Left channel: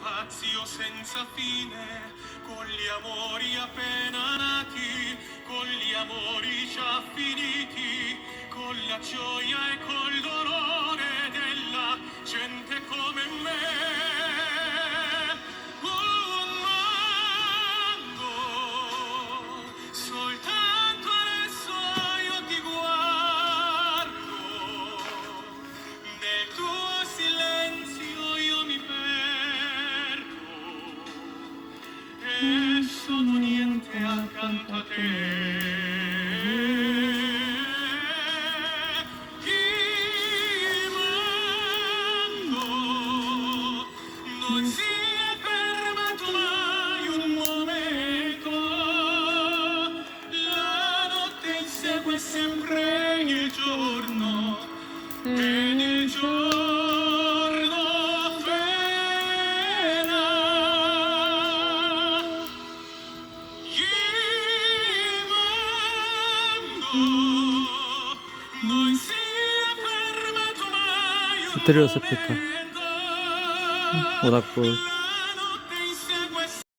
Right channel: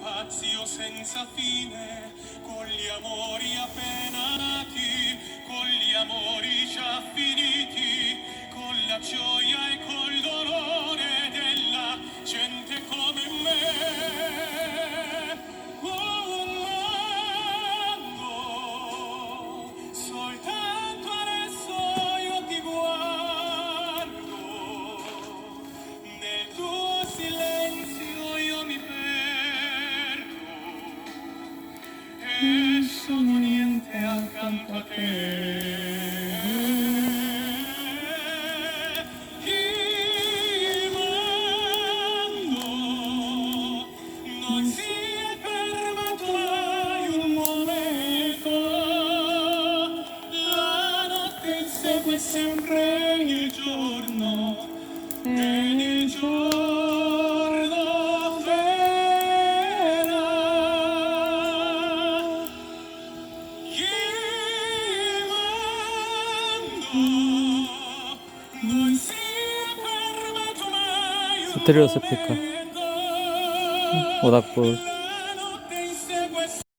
spazio senza fine, con gli amori appena nati, con gli amori già finiti, con la gioia e col dolore della gente come me. Un mondo, soltanto adesso io ti guardo, nel tuo silenzio io mi perdo e sono niente accanto a te. Il mondo non si è fermato mai un momento, la notte insegue sempre il giorno ed il giorno frena. Il mondo non si è fermato mai un 스테레오 스피커 momento, 오닥불